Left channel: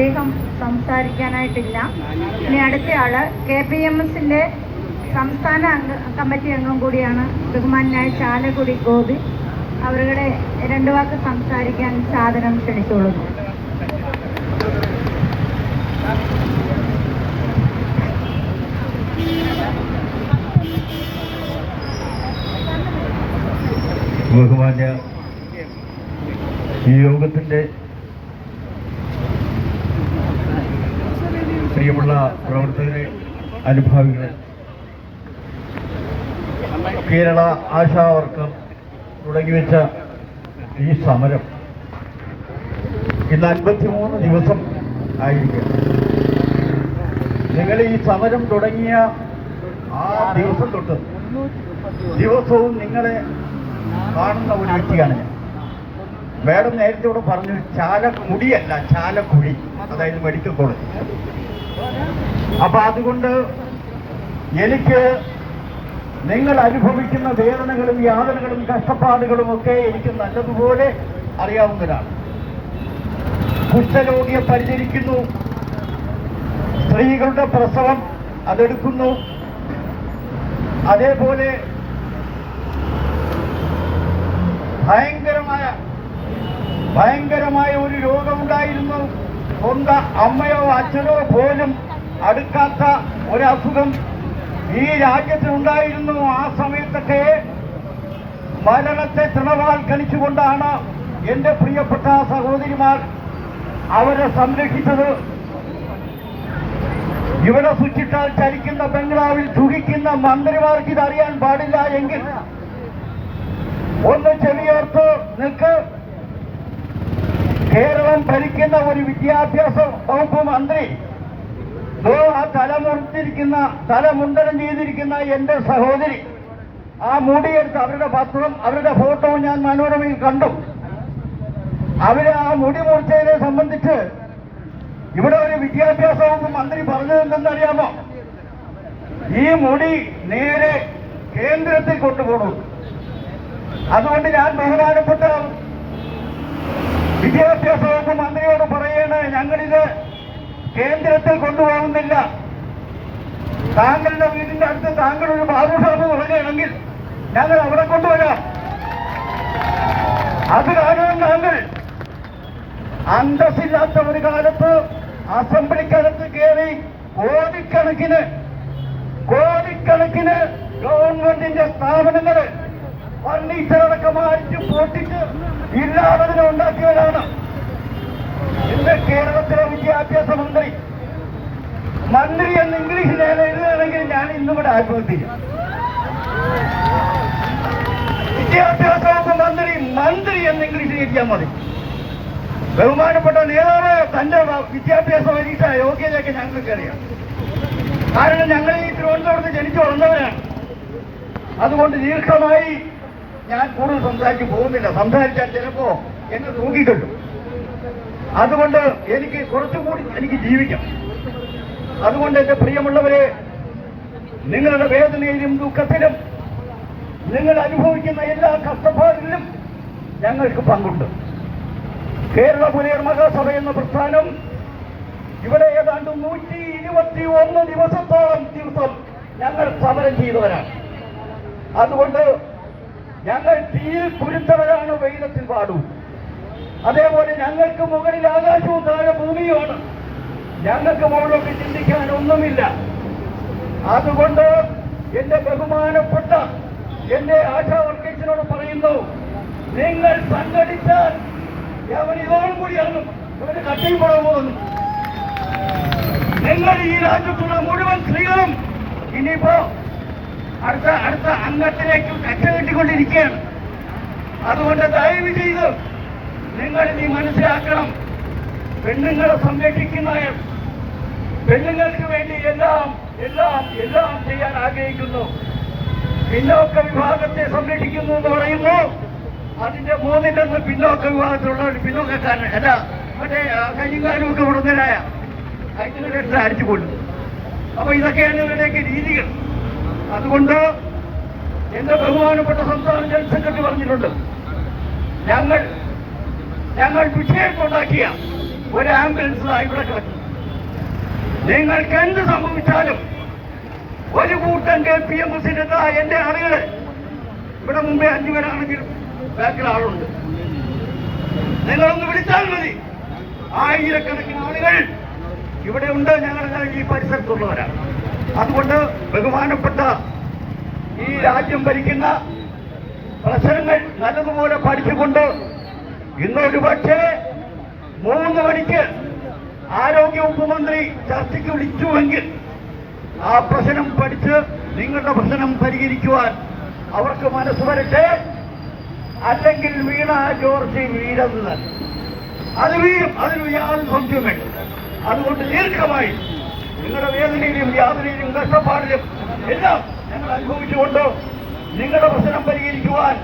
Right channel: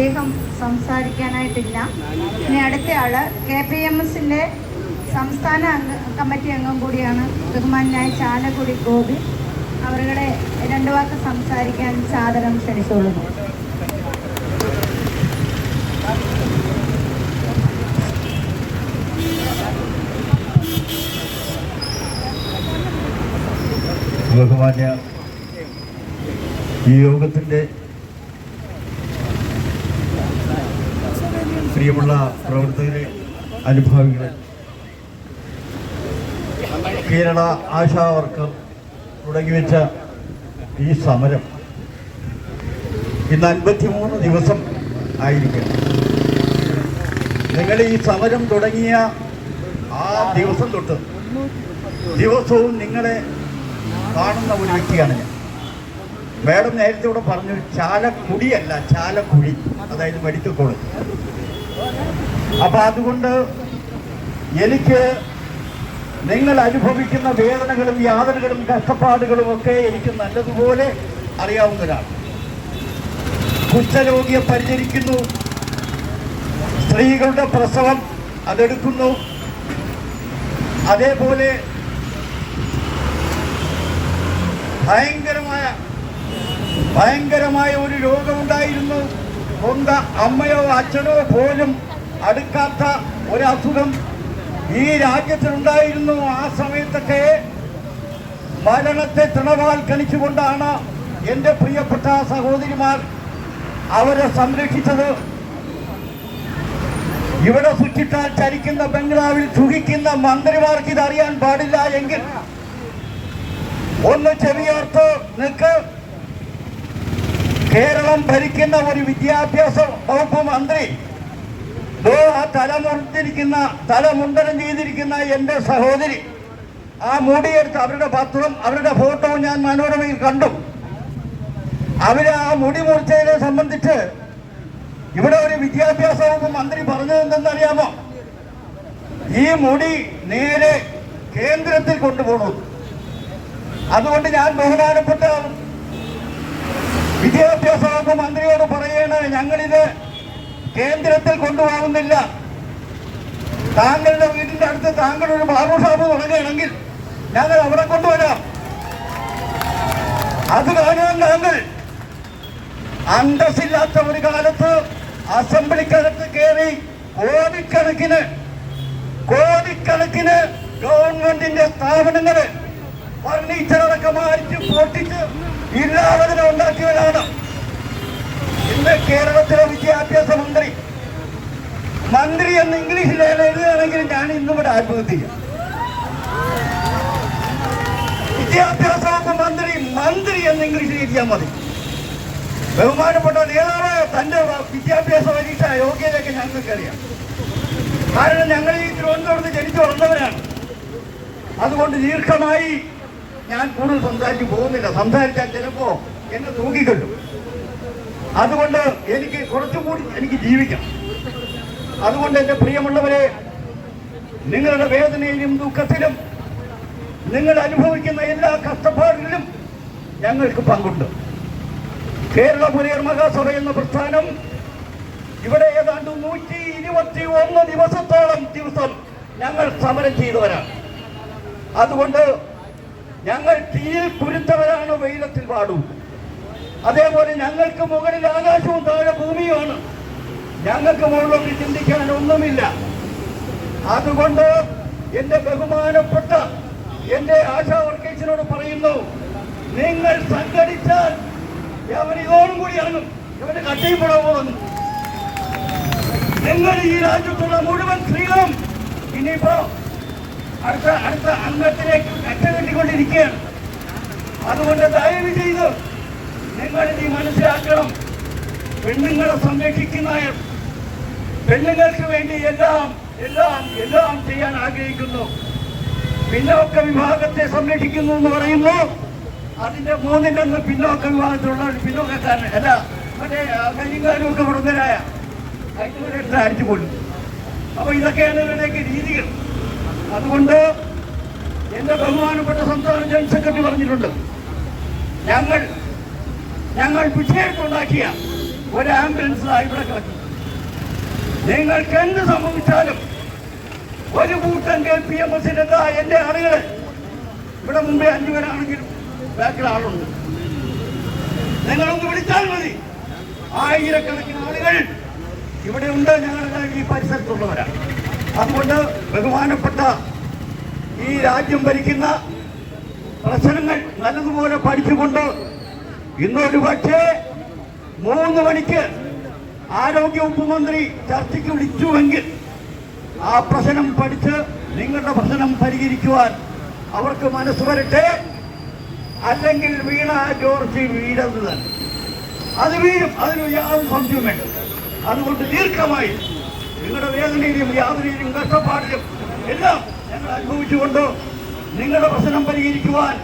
അദ്ദേഹം സംസാരിക്കാനായിട്ടില്ല. ഇനി അടുത്ത ആൾ കെ പി എം എസിന്റെ സംസ്ഥാന കമ്മിറ്റി അംഗം കൂടിയാണ് ബഹുമാനായ ചാലക്കുടി ഗോപി. അവരുടെ രണ്ടു വാക്ക് സംസാരിക്കാൻ സാധനം ക്ഷണിച്ചുകൊള്ളുന്നു. ബഹുമാന്യ ഈ യോഗത്തിന്റെ പ്രിയമുള്ള പ്രവർത്തകരെ അനുഭാവികളെ. കേരള ആശാവർക്കം തുടങ്ങിവെച്ച ഈ സമരം ഇന്ന് അൻപത്തിമൂന്ന് ദിവസം ആയിരിക്കും നിങ്ങൾ ഈ സമരം തുടങ്ങിയ ആ ദിവസം തൊട്ട് ദിവസവും നിങ്ങളെ കാണുന്ന ഒരു വ്യക്തിയാണ് ഞാൻ. മാഡം നേരത്തെ ഇവിടെ പറഞ്ഞു ചാലക്കുടിയല്ല ചാലക്കുടി അതായത് മെഡിക്കൽ കോളേജ്. അപ്പൊ അതുകൊണ്ട് എനിക്ക് നിങ്ങൾ അനുഭവിക്കുന്ന വേദനകളും യാതനകളും കഷ്ടപ്പാടുകളും ഒക്കെ എനിക്ക് നല്ലതുപോലെ അറിയാവുന്നതാണ്. കുഷ്ഠരോഗിയെ പരിചരിക്കുന്നു. സ്ത്രീകളുടെ പ്രസവം അതെടുക്കുന്നു. അതേപോലെ ഭയങ്കരമായ ഭയങ്കരമായ ഒരു രോഗമുണ്ടായിരുന്നു സ്വന്തം അമ്മയോ അച്ഛനോ പോലും അടുക്കാത്ത ഒരസുഖം ഈ രാജ്യത്തിനുണ്ടായിരുന്നു. ആ സമയത്തൊക്കെ ഭരണത്തെ തൃണവൽക്കരിച്ചുകൊണ്ടാണ് എന്റെ പ്രിയപ്പെട്ട സഹോദരിമാർ അവരെ സംരക്ഷിച്ചത്. ഇവിടെ സ്വിച്ചിട്ടാൽ ചലിക്കുന്ന ബംഗ്ലാവിൽ ചുഹിക്കുന്ന മന്ത്രിമാർക്ക് ഇതറിയാൻ പാടില്ല എങ്കിൽ ഒന്ന് ചെവിയോർത്ത് നിൽക്ക്. കേരളം ഭരിക്കുന്ന ഒരു വിദ്യാഭ്യാസ വകുപ്പ് മന്ത്രി ആ തലമുറിച്ചിരിക്കുന്ന തലമുണ്ടനം ചെയ്തിരിക്കുന്ന എന്റെ സഹോദരി ആ മുടിയെടുത്ത് അവരുടെ പത്രവും അവരുടെ ഫോട്ടോ ഞാൻ മനോരമയിൽ കണ്ടു. അവർ ആ മുടി മുറിച്ചതിനെ സംബന്ധിച്ച് ഇവിടെ ഒരു വിദ്യാഭ്യാസ വകുപ്പ് മന്ത്രി പറഞ്ഞത് എന്തെന്നറിയാമോ? ഈ മുടി നേരെ കേന്ദ്രത്തിൽ കൊണ്ടുപോകുന്നു അതുകൊണ്ട് ഞാൻ ബഹുമാനപ്പെട്ട വിദ്യാഭ്യാസ വകുപ്പ് മന്ത്രിയോട് പറയാണ് ഞങ്ങളിത് കേന്ദ്രത്തിൽ കൊണ്ടുപോകുന്നില്ല. താങ്കളുടെ വീടിന്റെ അടുത്ത് താങ്കൾ ഒരു ബാബു ഷാപ്പ് തുടങ്ങുകയാണെങ്കിൽ ഞങ്ങൾ അവിടെ കൊണ്ടുവരാം. അത് കാരണം താങ്കൾ അന്തസ്സില്ലാത്ത ഒരു കാലത്ത് അസംബ്ലിക്കകത്ത് കയറി കോടിക്കണക്കിന് കോടിക്കണക്കിന് ഗവൺമെന്റിന്റെ സ്ഥാപനങ്ങൾ ഫർണിച്ചർ അടക്കം അടിച്ച് പൊട്ടിച്ച് ഇല്ലാതെ ഉണ്ടാക്കിയവരാണ് മന്ത്രി എന്ന് ഇംഗ്ലീഷിൽ എഴുതുകയാണെങ്കിൽ ഞാൻ ഇന്നും ഇവിടെ ആത്മഹത്യ വിദ്യാഭ്യാസ മന്ത്രി മന്ത്രി എന്ന് ഇംഗ്ലീഷിൽ എഴുതിയാൽ മതി. ബഹുമാനപ്പെട്ട നേതാവ് തന്റെ വിദ്യാഭ്യാസ പരീക്ഷ യോഗ്യതയൊക്കെ ഞങ്ങൾക്ക് അറിയാം. കാരണം ഞങ്ങൾ ഈ തിരുവനന്തപുരത്ത് ജനിച്ചു വളർന്നവരാണ്. അതുകൊണ്ട് ദീർഘമായി ഞാൻ കൂടുതൽ സംസാരിച്ചു പോകുന്നില്ല. സംസാരിച്ചാൽ ചിലപ്പോ എന്നെ തൂക്കിക്കിട്ടും അതുകൊണ്ട് എനിക്ക് കുറച്ചും കൂടി എനിക്ക് ജീവിക്കാം. അതുകൊണ്ട് എന്റെ പ്രിയമുള്ളവരെ നിങ്ങളുടെ വേദനയിലും ദുഃഖത്തിലും നിങ്ങൾ അനുഭവിക്കുന്ന എല്ലാ കഷ്ടപ്പാടിലും ഞങ്ങൾക്ക് പങ്കുണ്ട്. കേരള പുനർ മഹാസഭ എന്ന പ്രസ്ഥാനം ഇവിടെ ഏതാണ്ട് നൂറ്റി ഇരുപത്തി ഒന്ന് ദിവസത്തോളം ദിവസം ഞങ്ങൾ സമരം ചെയ്തവരാണ്. അതുകൊണ്ട് ഞങ്ങൾ തീയിൽ കുരുത്തവരാണ് വെയിലത്തിൽ പാടൂ അതേപോലെ ഞങ്ങൾക്ക് മുകളിൽ ആകാശവും താഴെ ഭൂമിയുമാണ്. ഞങ്ങൾക്ക് മുകളിലൊക്കെ ചിന്തിക്കാൻ ഒന്നുമില്ല അതുകൊണ്ട് എന്റെ ബഹുമാനപ്പെട്ട എന്റെ ആശാ വർക്കേഴ്സിനോട് പറയുന്നു നിങ്ങൾ സംഘടിച്ചാൽ അവൻ ഇതോടും കൂടിയാണ് ഇവന് കട്ടിപ്പെടാൻ പോകുന്നു. നിങ്ങൾ ഈ രാജ്യത്തുള്ള മുഴുവൻ സ്ത്രീകളും ഇനിയിപ്പോ അടുത്ത അടുത്ത അംഗത്തിലേക്ക് കച്ച കെട്ടിക്കൊണ്ടിരിക്കുകയാണ്. അതുകൊണ്ട് ദയവ് ചെയ്ത് നിങ്ങൾ ഇനി മനസ്സിലാക്കണം. പെണ്ണുങ്ങളെ സംരക്ഷിക്കുന്ന പെണ്ണുങ്ങൾക്ക് വേണ്ടി എല്ലാം എല്ലാം എല്ലാം ചെയ്യാൻ ആഗ്രഹിക്കുന്നു. പിന്നോക്ക വിഭാഗത്തെ സംരക്ഷിക്കുന്നു എന്ന് പറയുന്നു അതിന്റെ മൂന്നിന്റെ ഒന്ന് പിന്നോക്ക വിഭാഗത്തിലുള്ള പിന്നോക്കക്കാരൻ. അല്ല മറ്റേ കയ്യുകാരും ഒക്കെ കൊടുത്തരായ അതിന്റെ അടിച്ചു കൊണ്ടു അപ്പൊ ഇതൊക്കെയാണ് ഇവരുടെയൊക്കെ രീതികൾ. അതുകൊണ്ട് എന്റെ ബഹുമാനപ്പെട്ട സംസ്ഥാന ജനറൽ സെക്രട്ടറി പറഞ്ഞിട്ടുണ്ട് ഞങ്ങൾ ഞങ്ങൾ വിഷയത്തുണ്ടാക്കിയ ഒരു ആംബുലൻസിലായി ഇവിടെ കിടക്കും നിങ്ങൾക്ക് എന്ത് സംഭവിച്ചാലും ഒരു കൂട്ടം കെ പി എം എസിന്റെ എന്റെ ആളുകളെ ഇവിടെ മുമ്പേ അഞ്ചു പേരാണെങ്കിൽ ബാക്കിൽ ആളുണ്ട്. നിങ്ങളൊന്ന് വിളിച്ചാൽ മതി. ആയിരക്കണക്കിന് ആളുകൾ ഇവിടെ ഉണ്ട്. ഞങ്ങളുടെ ഈ പരിസരത്തുള്ളവരാണ്. അതുകൊണ്ട് ബഹുമാനപ്പെട്ട ഈ രാജ്യം ഭരിക്കുന്ന പ്രശ്നങ്ങൾ നല്ലതുപോലെ പഠിച്ചുകൊണ്ട് ഇന്നൊരു പക്ഷേ മൂന്ന് മണിക്ക് ആരോഗ്യ ഉപമന്ത്രി ചർച്ചയ്ക്ക് വിളിച്ചുവെങ്കിൽ ആ പ്രശ്നം പഠിച്ച് നിങ്ങളുടെ പ്രശ്നം പരിഹരിക്കുവാൻ അവർക്ക് മനസ്സ് വരട്ടെ. അല്ലെങ്കിൽ വീണ ജോർജ് വീഴുന്നത് അത് വീഴും അതിന് യാതൊരു സംശയവും വേണ്ട. അതുകൊണ്ട് ദീർഘമായി നിങ്ങളുടെ വേദനയിലും യാതനയിലും കഷ്ടപ്പാടിലും എല്ലാം ഞങ്ങൾ അനുഭവിച്ചുകൊണ്ട് നിങ്ങളുടെ പ്രശ്നം പരിഹരിക്കുവാൻ